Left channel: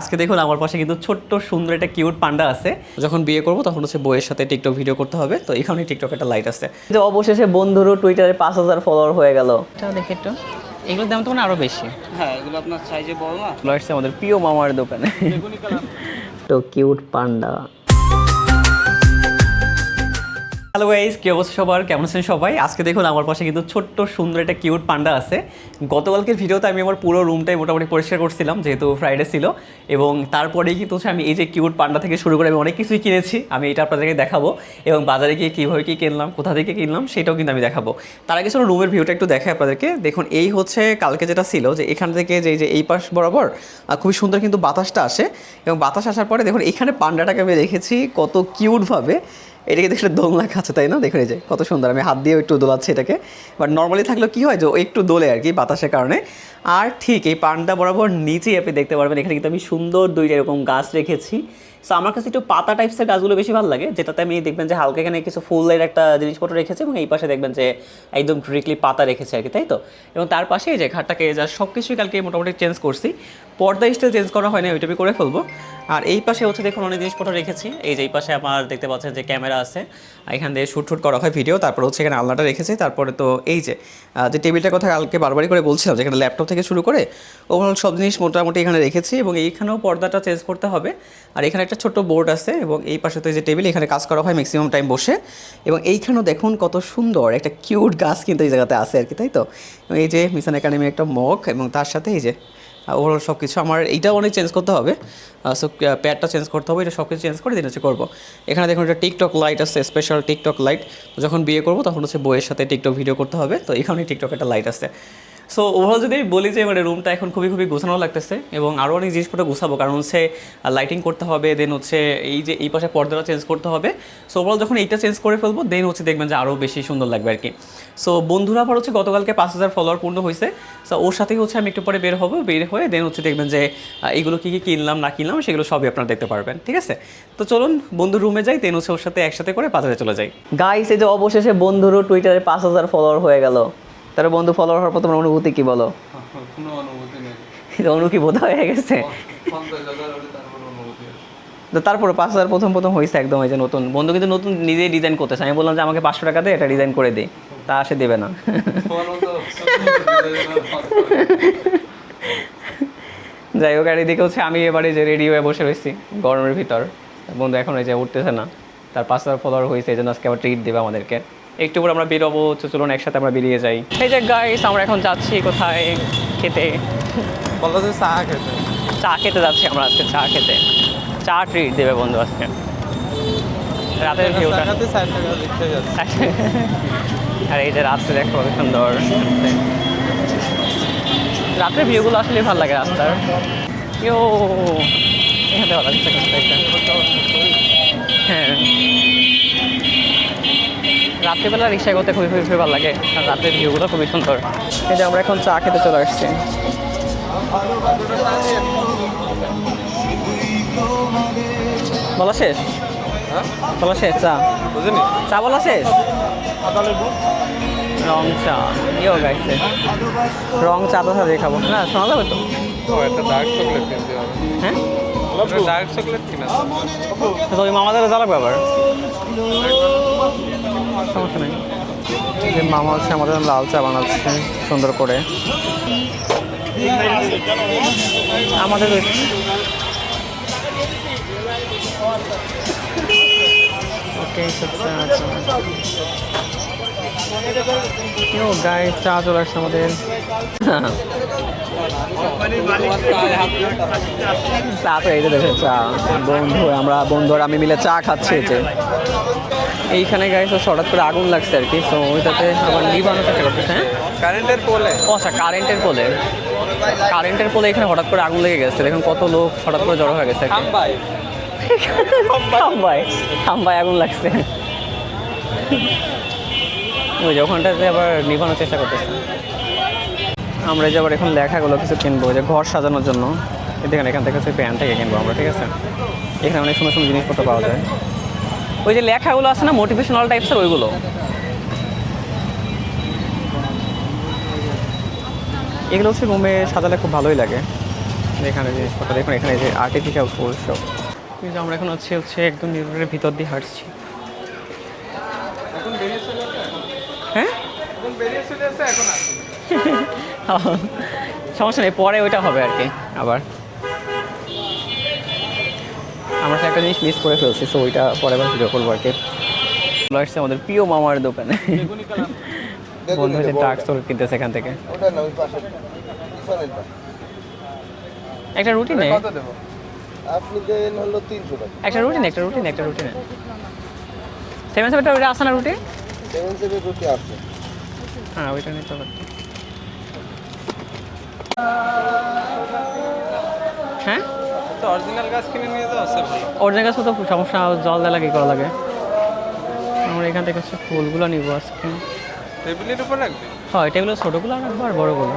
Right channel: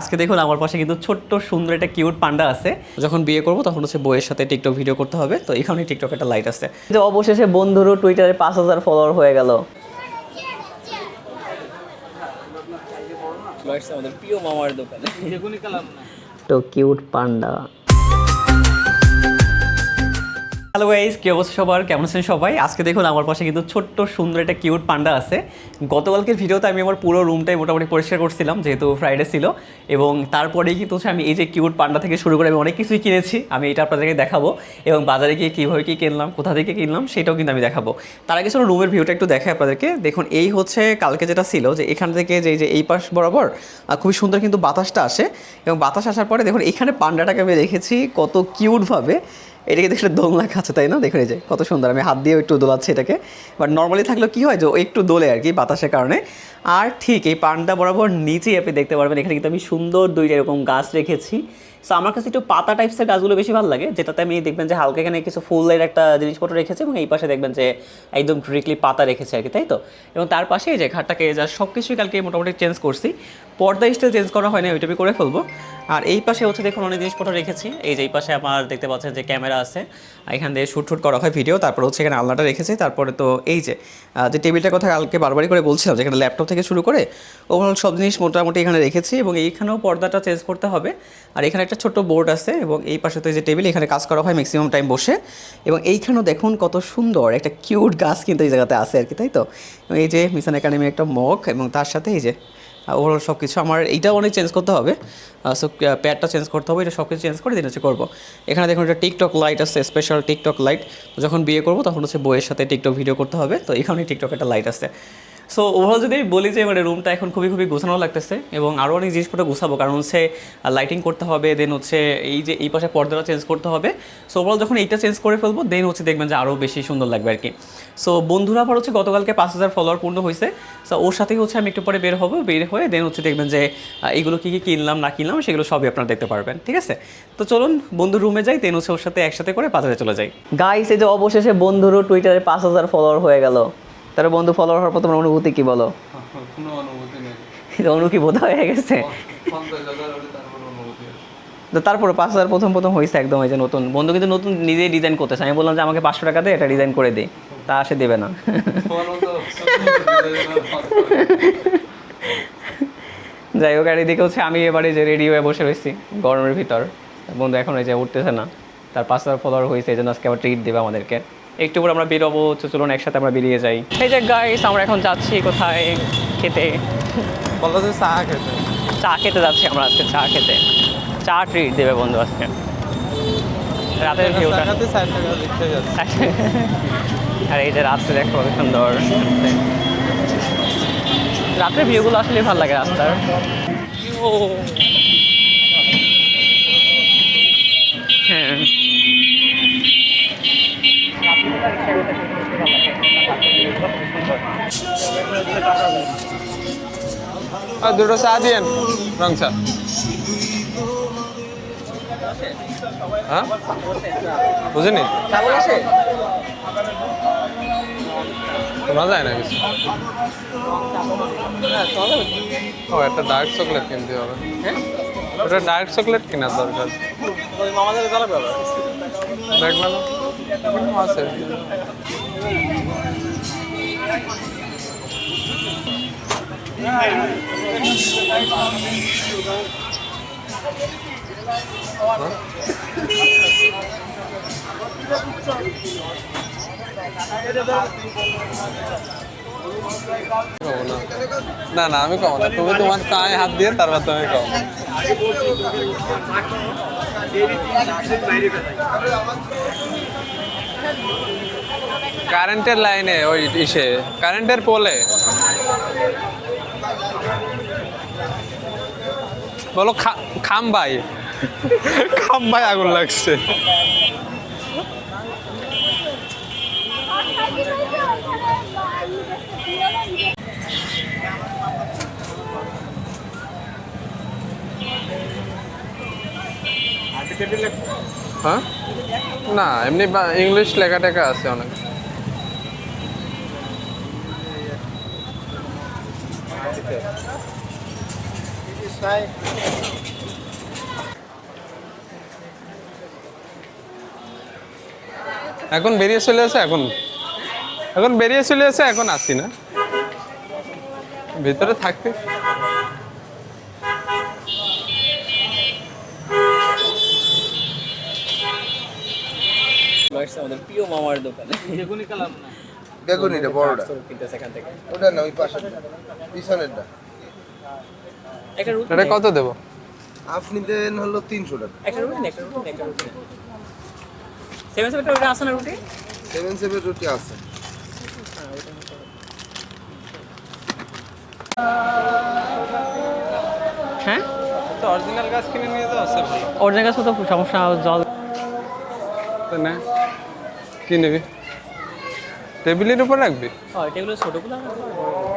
আজকে দেখুন আমার পাশে কিন্তু ছোট্ট সুন্দর একটা কিউট পান্ডা আছে। যখন বিয়ে করব তখন হচ্ছে বইয়ের সাথে টিকটক ভিডিও করতে হবে, তো এখানে টিকটক একটা লাইট আছে। যে অবশেষে বন্ধুরও টুইটারে 5000 ফলোয়ার হয়ে গেল। এটা দেখে একটু, এগুলোর দাম তো মানে আরো বেশি। হ্যাঁ, এগুলো আপনার সাইজে বড় না। আসছে আমাদের প্রিয় মামার দোকানে তো কিউট পান্ডা। হ্যালো গাইস, কি অবস্থা সবার, কেমন আছেন সবাই? আজকে দেখুন আমার পাশে কিন্তু ছোট্ট সুন্দর একটা কিউট পান্ডা আছে। গতকালকের ভিডিওতে আমি আমার পুরো রুমটাই মোটামুটি পরিষ্কার করছিলাম, যেহেতু ফ্রাইডে ছিল, এবং তারপরেই কিন্তু আমি এই যে কিউট পান্ডা থেকে শুরু করে আমি অনেক কিছুই কিনেছি। আমি এটা আপনাদেরকে দেখাবো, এবং বাজারে গিয়ে কীভাবে কী কিনলাম, কোথা থেকে কিনলাম সেটাও কিন্তু আমি দেখাবো। তার আগে চলো রুমের ভিউটা একটু দেখাই আপনাদেরকে। দেখুন এই হচ্ছে কালকে যেটা ছিল, যে এখান থেকে যে এই পাশ বরাবর খুবই সুন্দর কিন্তু বাতাসটা আসে, এবং বাতাস আসার পরে দেখুন এখানে পান্ডাটাকে আমি রেখেছি কত কিউটভাবে। এটাকে দেখলে দোলনা খাচ্ছে, তাই না? দেখুন এই যে কত সুন্দর, আমি হাত দিয়েও একটু দোলাচ্ছি এটাকে। বাট নর্মালি থাকলেও কী হয় যে একটু দোলে আর কি বাতাসের কারণে। আর ঠিক এই পান্ডা বরাবর নিচেই আপনি দেখতে পারবেন এখানে কিন্তু আমি সুন্দর দুইটা এরকম গাছ রেখেছি। সো আমার কাছে একটু পাতা টাইপসের গাছগুলো বেশি ভালো লাগে, যেটাতে আমি দেখবেন যে হালকা এখানে কিছু ফুলের একটা জিনিসপত্র রেখেছি, এবং এই পাশে দেখবেন যে একদম ডিরেক্টলি পাতা রেখেছে আর কি, তাই তো? এবং তার পাশে এই যে ঘাটটাকে যা সব কিছুই কালকে মোটামুটি চেঞ্জ করছি। পর্দা স্টিল চেঞ্জ করা হয় না, ওইটা আমি করে ফেলবো। আর এই পাশে হচ্ছে দেখুন অনেক জিনিসপত্র রেখেছি। এই যে এই পাশে আমার দেখতে পাচ্ছেন যে ক্যামেরা আছে, এখান দিয়ে শ্যুট করা হয় ভিডিও। তারপর হচ্ছে এখানে আলনাটা রেখেছি। তারপরে তো এই যে টেবিলটার কথা কালকে বারবারই করে বলছিলাম, যেখানে ল্যাপটপ থেকে শুরু করে ওভারঅল সব জিনিস মোটামুটি এখানে রেখেছি, এবং এইখানেও পর্দাটা চেঞ্জ করতে হবে। আর এখানে একটা ছোট্ট বোর্ড আছে, এবং এই পাশে তো এই যে টেবিল, এখানে কাজ করা হয় ম্যাক্সিমাম টাইম বসে। এবং এইখানেও দেখুন কত সুন্দর একটা কিউট গাছ কিন্তু এই জায়গাতে আছে আর কি, তাই তো? এই যে মিশন একাডেমি একটা মগ, এবং তার সাথে এই যে ওভারঅল সব কিছু আমার এইটাও অনেক চেঞ্জ করতে হবে। সো প্যাডটা চেঞ্জ করতে হবে, এটা সব কিছু চেঞ্জ করে দিন হচ্ছে করবো। এখানে দেখুন একটা টিকটক লাইট আছে, স্পেশাল টিকটক লাইট। যখন বিয়ে করবো তখন হচ্ছে বইয়ের সাথে টিকটক ভিডিও করতে হবে, তো এখানেই টিকটক একটা লাইট আছে। সো ওভারঅল যদি বলি যে মানে রুমটা এখন খুবই গোছানো লাগতেছে, এবং আরও অনেক জিনিসপত্র গোছাবো, কারণ হচ্ছে লাইটিং করতে হবে, দেন হচ্ছে এই যে এই পাশে পর্দাটা চেঞ্জ করতে হবে। সো ওভারঅল যখন এইটা চেঞ্জ করে ফেলবো দেন হচ্ছে দেখবেন যে আরও বেশি সুন্দর লাগবে আর কি। সো বন্ধুরা আবার হচ্ছে গতকালকে 5000 ফলোয়ার পূর্ণ হয়েছে। সো ওর সাথেই হচ্ছে আমি একটু পরে বের হয়ে দেন হচ্ছে দেখবেন যে এইগুলো কী কী কিনলাম না কিনলাম সেগুলো সবই আপনারা দেখতে পারবেন, ঠিক আছে? তো চলুন বন্ধুর রুমে যাই, দেন হচ্ছে ওর সাথে একসাথে করে বাজারে চলে যাই। গাইস, এই যে অবশেষে বন্ধুরও টুইটারে 5000 ফলোয়ার হয়ে গেল। তার বন্ধু ফলোয়ার হওয়ার পর তোমার অনুভূতি কি বলো? কোনো অনুভূতি নেই। অনুভূতি হয়ে গেছে। তো তারপরে 5000 প্রথম হয়েছে একদম। এই যে নতুন বন্ধু কিন্তু নতুন নিজেই ডিজাইন করতেছে। আমি বললাম যে আমাকে 500 টাকা দিয়ে এটা ডিজাইন করে দিই, তা সে দেবে না। যাই হোক, আর এদিকে হচ্ছে আমি এবারে যে রেডি হয়ে বসে রয়েছি গরমের ভিতর। বন্ধু এখন এই যে উঠতেছে না, তার 5000 ফলোয়ার হয়েছে, এই জন্য আজকে আবার ট্রিট দেবে আমাদেরকে। একটু পরে আমরা বেরোবো, চলুন একসাথে আমরা বেরিয়ে যাই। এই যে গাইস, আমরা এখন যাচ্ছি কোথায় খেতে? বলো যে চা খেতে যাচ্ছি আমরা আজকে, চা ট্রিট দেবে বন্ধু আজকে। রাতের ভিউটা, আর এই যে রাত্রে দেখো কত সুন্দর। রাত্রের ভিউগুলো আসলে ভালো লাগে রাস্তার। হ্যাঁ, রাত্রিবেলা রিক্সায় করতে খুবই ভালো লাগে, আর রাতের ভিউগুলো খুবই সুন্দর। এই যে আমরা এখন চা খেতে চলে আসছি। দুটো চা দিন, রং চা। বলা শেষ? হ্যাঁ, বলা শেষ? চা বুঝিনি, চা বলা শেষ। রং চা, রং চা তো সাথে খাবো না, শোনা যাবে তো? একটা ডার্ক চকলেট কিনতে হবে। হ্যাঁ, একটা ডার্ক চকলেট কিনা তো ওই মামাদের যা লাগবে আবার। সমস্যা নেই, মামা হচ্ছে আমাদের লাল চা বানাচ্ছে সুন্দর করে। আমাদের চা চলে আসছে আমাদের। না না, আমি তোমার চায়ে হাত দিয়ে তারপর চা তো এই যে দেখেন, চা বন্ধুরা আমি মিলে চা খাচ্ছি। এইখানে গাইস হঠাৎ করে আগুন লাগছে আর কি, তো ওইটা কারেন্টের পোলে এখানে হঠাৎ করে আগুন লেগে গেছে। দেখুন কত লোক হঠাৎ করে জড়ো হয়ে গেছে। খাম্বায় আগুন লাগছে। ওই যে ওখানটাতে আবার নিভানোর চেষ্টা করতেছে। আমরা যে আবার এখন লেখাগুলো কিছু কিনবো, যে ঘর সাজানোর জন্য। এখান থেকে প্যান থেকে কিনবো আমরা, ঠিক আছে? এখানে অনেক সুন্দর সুন্দর জিনিসপত্র পাওয়া যায়। হ্যাঁ, ওই যে লেখাগুলো আছে না, মোটিভেশনাল টাইপের লেখা টেখা আছে অনেক। এগুলো হচ্ছে রুমে সাজালে খুব ভালোই লাগে। এখানে জিনিসপত্র দেখুন, এখানে যে আর্টিফিশিয়াল ফুল সব। কিন্তু আমরা এখন হচ্ছে একদম নিউইয়র্কের ভিতর দিয়ে হাঁটছি। এখন বেরিয়ে চলে আসে এখন, হ্যাঁ এখন বেরিয়ে চলে আসে এখন আসি না ভেতরে সমস্যা নেই, পরে ওইটা হবে আর কি আবার। আমরা তো একটা জিনিস মিস করে ফেলছি, সো ওইটা পরে আবার ভিডিও করবো আর কি। চলে আসছে আমাদের প্রিয় মামার দোকানে। কিনতেছে এখান থেকে ওটা না, ওই পাশে পিছনেরটা। একটা রুটি এটা কত দেবো? আপনি দেন হলো 300 টাকা। একটা রুটি সেভেন সেভেনটা ওইটা আসে না রুটি? 7 রুটি আছে। হ্যাঁ ওইটা নিতে হবে। হ্যাঁ তো অরিজিনাল গাছ কিনে নিয়ে যাও, আছে ভালো। অরিজিনাল গাছ তো সমস্যা, জল দেওয়া লাগে, করা লাগে। তো নে, আমরা এখান থেকে কি নিবি? ফুলগুলো নিবো আজকে। টেবিলের উপর রাখবি। হয় টেবিলের ছোটোগুলো রাখবো আর বড়গুলো।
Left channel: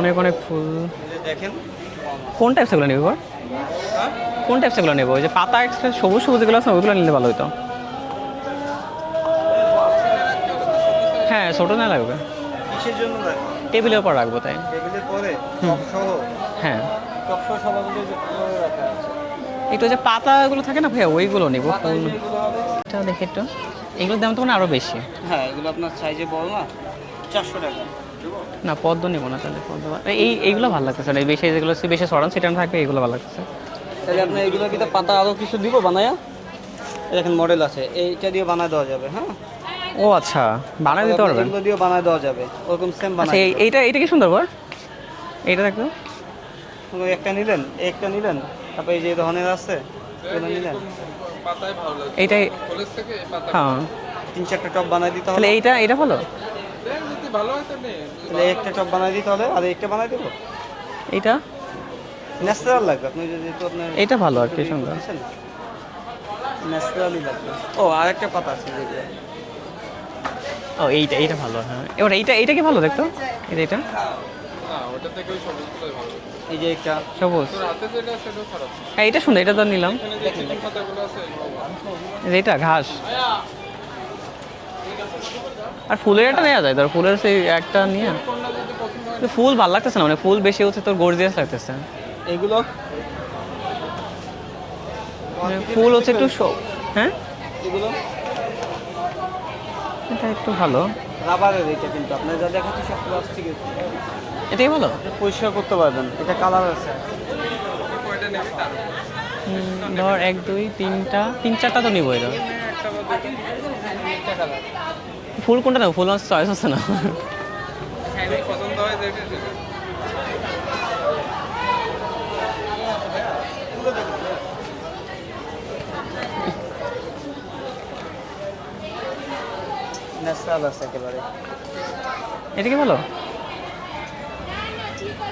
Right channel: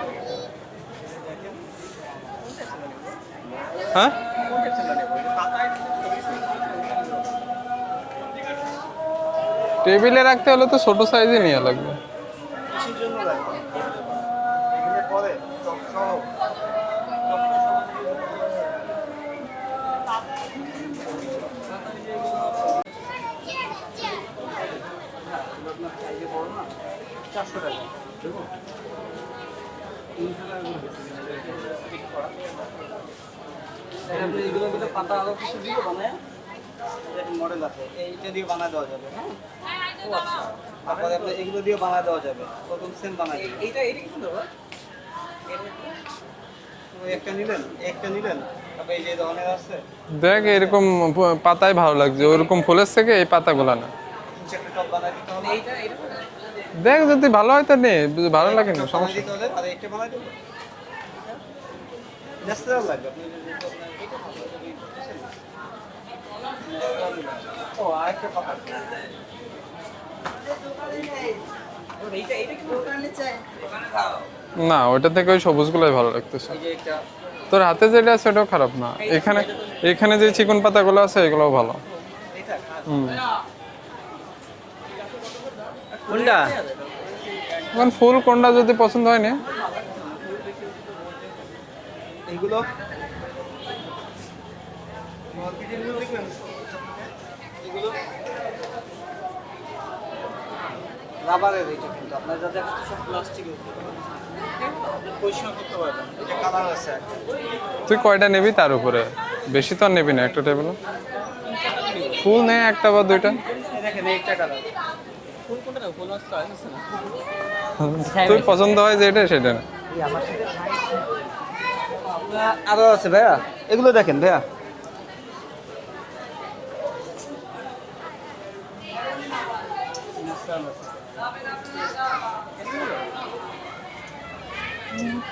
অনেক অনেক ফুল দেখেন কোন টাইপসগুলো নেবো? হ্যাঁ, কোন টাইপসগুলো নেবো? ওই যে পাতা সবুজ সবুজ যেগুলো আছে ওগুলো নিলে ভালো হতো। টেবিলে রাখতে হলে তো ছোট সাইজে হ্যাঁ নিয়ে ছোটো যাবে। না লাগবে, কিসের জন্য রাখবেন? টেবিলের উপর রাখবো তাই। টেবিলের পরে টপ সহ, হ্যাঁ টপ সহ সবাইকে যে কোণে রাখা আছে। একটু যে পাতাগুলো থাকে না ভাইয়া, ওইগুলো নেবো। এটা দেখে একটু, এগুলোর দাম তো মানে আরও বেশি। হ্যাঁ, এগুলো আপনার সাইজে বড় না, 400 টাকা। না পদ্ম নেবো না তাহলে, পদ্ম এইগুলো ভালো লাগতেছে না, এই বেশি যেগুলো বেশি সরান সেটা থাকবে, এগুলো ভালো লাগতেছে। তাহলে আপনি এগুলোর ভিতরে পাতা আরো কিছু দিব বানায়া, দেখেন মডেল আছে, এইটা দিয়ে বানায় দেওয়া যাবে। হ্যাঁ, ও আচ্ছা, বানায় দিতে পারবেন? এগুলো দিয়ে বানায় দেওয়া যাবে, ওরকম সেম আচ্ছা বানায়। এইটা কি সুন্দর বল, এইটা দেখো। একটা নিলেন, তারপর এই যে ধরনের আছে দেখ এরকম পাতায় ভালো লাগবে, এটা- ওরকম ফুলের থেকে এই পাতাগুলো হ্যাঁ। 3-4টা টপ বানায় দিতে হবে। তাহলে এইটা ভালো, দেখ যদি ভালো হয় তো নে, যদি ভালো লাগে একটা টপ বানায় দিতে হবে, আর একটা বানায় দেবো। এইটা ন্যাচারাল লাগবে, আপনি যদি তো আপনার এইটা ভালো আর কি সুন্দর। ন্যাচারালি লাগবে। ও, আর একটা পাতা আছে যেটা। ও এইটা ভালো, হ্যাঁ। এবার এইটা কি ভালো দেখতো, এটা না, ওটা থেকে ওই সবুজগুলোই ভালো লাগতেছে। এই যে এটা সবুজ। তোর হাতে যেটা আছে ওটাও খারাপ না। এইটা শোনো, এটা তো নিলাম। এখানে যে চিকন পাতাগুলো আছে এগুলোও ভালো। এইটা ঘাস আর ফুলের এটা নেওয়া যায়, ধর ফুলের সেই একটা কারণ ফুল কোনটা যদি পছন্দ হয় না, ফুল ভালো লাগতেছে না, মানে ফুল বেশি হচ্ছে তোর গর্জিয়াস লাগতেছে। এগুলো মানে ফুল হচ্ছে একটু হ্যাঁ এগুলো এটা একটু ভালো, রাবারের, এটা কিন্তু আপনার যা দেখাচ্ছি সব প্লাস্টিকের, এটাই ভালো। পরিষ্কার করতে পারবেন। এটা কালার আছে। তুই কয়টা নিবি তার উপরে, বেশি তো আর নিবি না। এক একটা দুই টেবিল তিন চারটা তো নিবো। ফুল নে, একটা বা দুইটা। দেখেন এইটা টাকা। ফুল কোনটা নেবো? ফুল হচ্ছে চয়েস হচ্ছে না। তোর পছন্দ হয় যেটা সেটা। আরো আছে ভাইয়া, এগুলো দেখেন ভাইয়া, ন্যাচারাল আছে একেবারে। এটা কি ভালো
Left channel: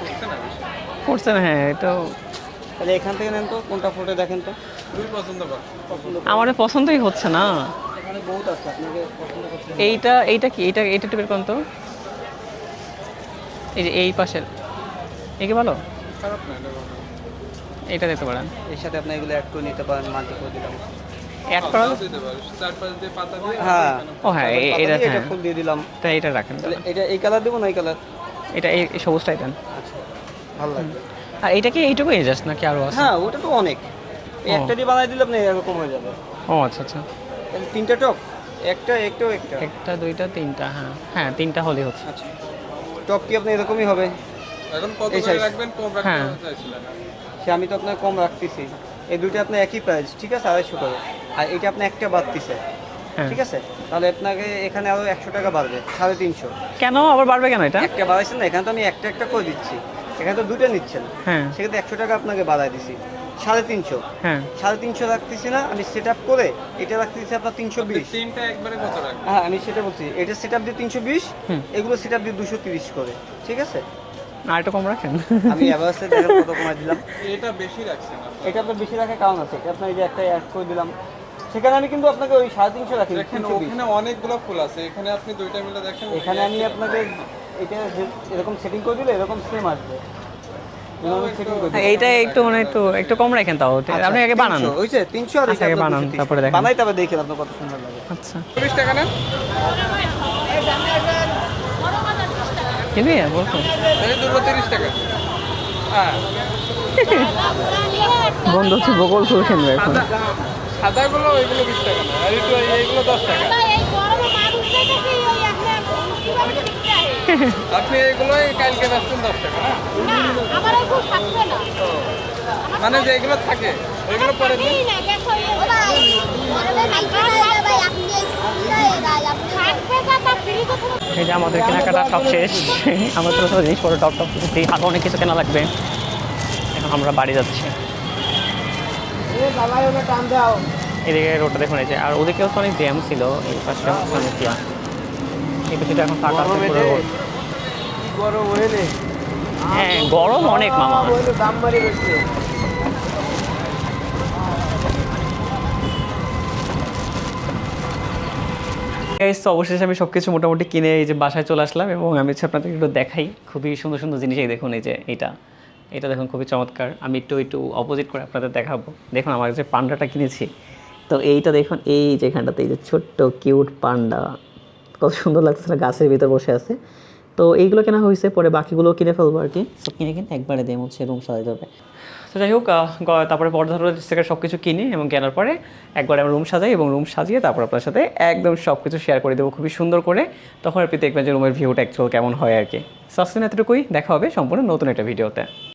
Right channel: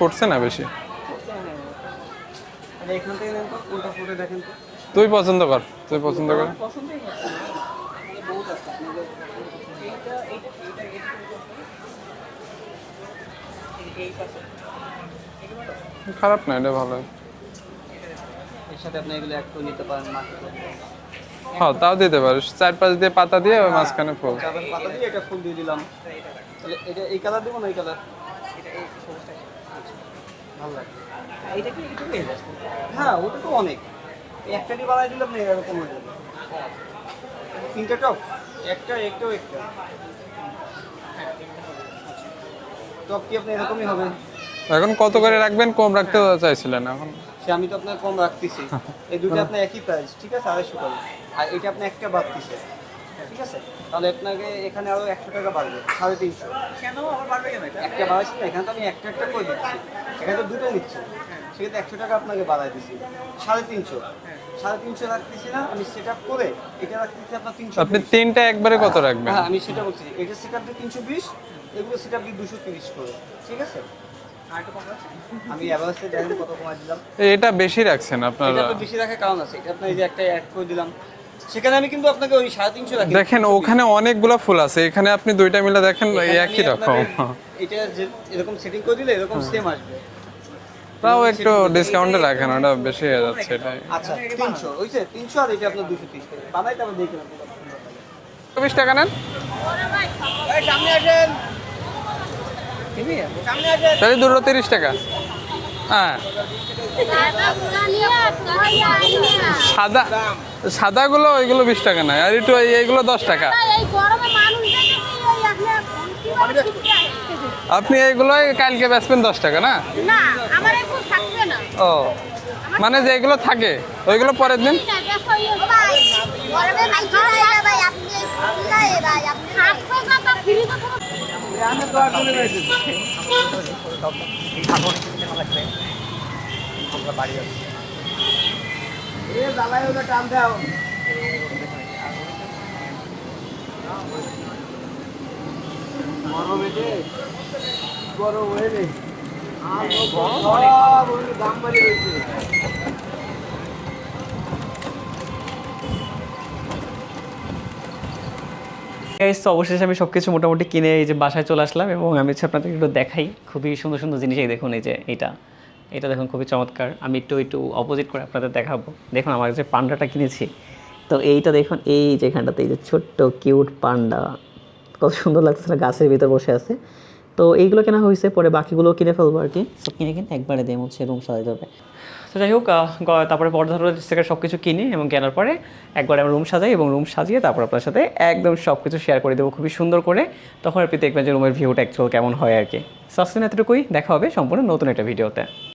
করছে না বেশি, করছে না? হ্যাঁ এটাও তাহলে এখান থেকে নেন তো, কোনটা ফুটে দেখেন তো। তুই পছন্দ কর, তুই পছন্দ কর। আমার পছন্দই হচ্ছে না। এখানে বহুত আছে, আপনাকে এইটা কি, এটা একটু বের করুন তো। এই যে এই পাশের, এই কি ভালো? খারাপ না, এটা ভালো। এইটা দিতে পারেন। এর সাথে আপনি এগুলো অ্যাড করে নিতে পারেন, মাল্টি করে দিলাম। Add হ্যাঁ, করা- তাও দিতে পারিস, 4-5 দিয়ে পাতা দিয়ে ওর মাঝখানে ও ফুল। হ্যাঁ এটা এটা হ্যাঁ, ফুল দিয়ে দিলাম। তাই এটা রাখেন। তাহলে এটা এই কালার দেবো না এই কালার? এটা এই সবুজটাই দেন। আচ্ছা, ভালো লাগবে। আর এইটা কি এইটুকুই জাস্ট নাকি আরো আছে? হ্যাঁ, ওটা তো অনেক। এই একটা দিয়ে বানাই দিলে আপনি এরকম হয়ে যাবে। ও আচ্ছা আচ্ছা, তাহলে 3টা টপ, একটা। একটা দুইটা তিনটা, হ্যাঁ তিনটা হলেই হচ্ছে। আচ্ছা, টপ কি আপনি এরকমই হবে? এখন কত করে রাখবেন? কম রাখতে হ্যাঁ। চাইছিলেন এখন? সে আমি তো আপনার কম রাখতেছি। এই দুটো আপনার একই প্রাইস, ঠিক আছে, 250 করে। আর এটা আপনি একটা বাদ দিছে, হ্যাঁ ঠিক আছে, তাহলে আপনাকে এখানে আরো 100 টাকা বাড়বে, 350। কেন আবার বাড়বে কেন এটা? একটা বাড়াইছেন না, এখানে তো আমি একটা করে দিচ্ছি, এখানে তো দুটো নিচ্ছেন, হ্যাঁ সেক্ষেত্রে 100 টাকা আপনাকে বাড়াই দিছি, 350। হ্যাঁ 350 রাখতেছি না আমি, সেট আপ করে এটা রাখতেছি আপনার আপনি 320। তিনটা একবারে কত রাখবেন? হ্যাঁ, আমি সেটা বলছি, এটা সেট আপ দিয়ে 320, হুম। এগুলো সেট আপ দিয়ে 230 করে, ঠিক আছে। আর একটু কম রাখেন। আমি অ্যাভারেজে দেখেন কত কমাই দিলাম। এটা বেশি রাখছেন এটা আপনারা। তো বেশি রাখার কারণ আছে, এটা আপনার এই যে একটা অ্যাড করে দিলাম, সেখানে আমি কিন্তু আপনাকে ওই 350 রাখি। দেখেন ওখানে অনেকগুলো ফুল আছে, এখানে আপনি দুইটা মিলে দেখেন এখানে আমি একই রকম। আপনাদের এটা যে এরকম সেটিং করে দিলে এরকম সেম আসবে, তাও একটু এইটা ডিসকাউন্ট একটু রাখেন, মানে ওটা একটু বেশি একটু কম আছে। রাখেন তাও আপনি আগে বানান। 300 হইছে 300 আর আচ্ছা, আগে বানান, তারপরে দেখেন। বানাই তবে দেখেন আপনার কত সুন্দর লাগে। আচ্ছা 20 টাকা নেন, কিনবি বলছো তাই দুটো 30 টাকা। হ্যাঁ বন্ধু তুই বকল খুব সুন্দর। সাদা সাদাগুলো ওইগুলো 20 টাকা না, আর একটু এইগুলো 10 টাকা। আপনি এইগুলো কালকে বেচবেন 10 টাকা না? ও মানে যে এগুলো থাকে ওইগুলো পরের দিন। এই যে আমাদের কেনাকাটা সব শেষ। আমার ছোটো ছোটো জিনিস পরে টপ টপ কিছু হাতে অনেক কিছু কেনা লাগবে। এখন আমরা বাড়ি যাচ্ছি। এদিকে রোডটা দেখুন, এই যে আর ওদিকেও তো অনেক জ্যাম ছিল, এই পাশে অনেক জ্যাম, এই কিছুটা এখন ফাঁকা আছে পুরো রোড। হ্যাঁ গরম অনেক মামা। গাইস তো অবশেষে আমি সব কিছু মোটামুটি কিনে এই যে বাসায় চলে আসলাম, এবং আমি হচ্ছে আপনাদের একটু দেখাই খুবই সুন্দর সুন্দর জিনিস। এই দেখুন, এই যে এটা দেখুন খুবই চমৎকার। আমি একটু অপোজিট করে আপনাদের দেখাবো। দেখুন আমার যে পান্ডাটা কিনেছি, তো এইটা দেখুন, এই যেখানটাতে এই যে ছোট্ট কিউট পান্ডা, কত সুন্দর লাগতেছে না, গাছের ভিতর বসে আছে। তো এইগুলো কেনা হয়েছে, পরে বাকিগুলো কিনে ফেলবো আর কি। সব কিনে একবারে দেম হচ্ছে রুম সাজাতে হবে। তো যাই হোক, তারপরে পর্দা থেকে সব কিছু কিনি এবং কেনার পরে একবার আমি রুম সাজাই, এবং রুম সাজিয়ে তারপর আপনার সাথে একদম সব কিছু শেয়ার করে দেবো খুবই সুন্দর করে। তখন আপনি দেখবেন যে রুমের ভিউটা অ্যাকচুয়াল কেমন হয় আর কি। সাবস্ক্রাইব এতটুকুই, দেখা হবে সম্পূর্ণ নতুন একটা ভিডিওতে।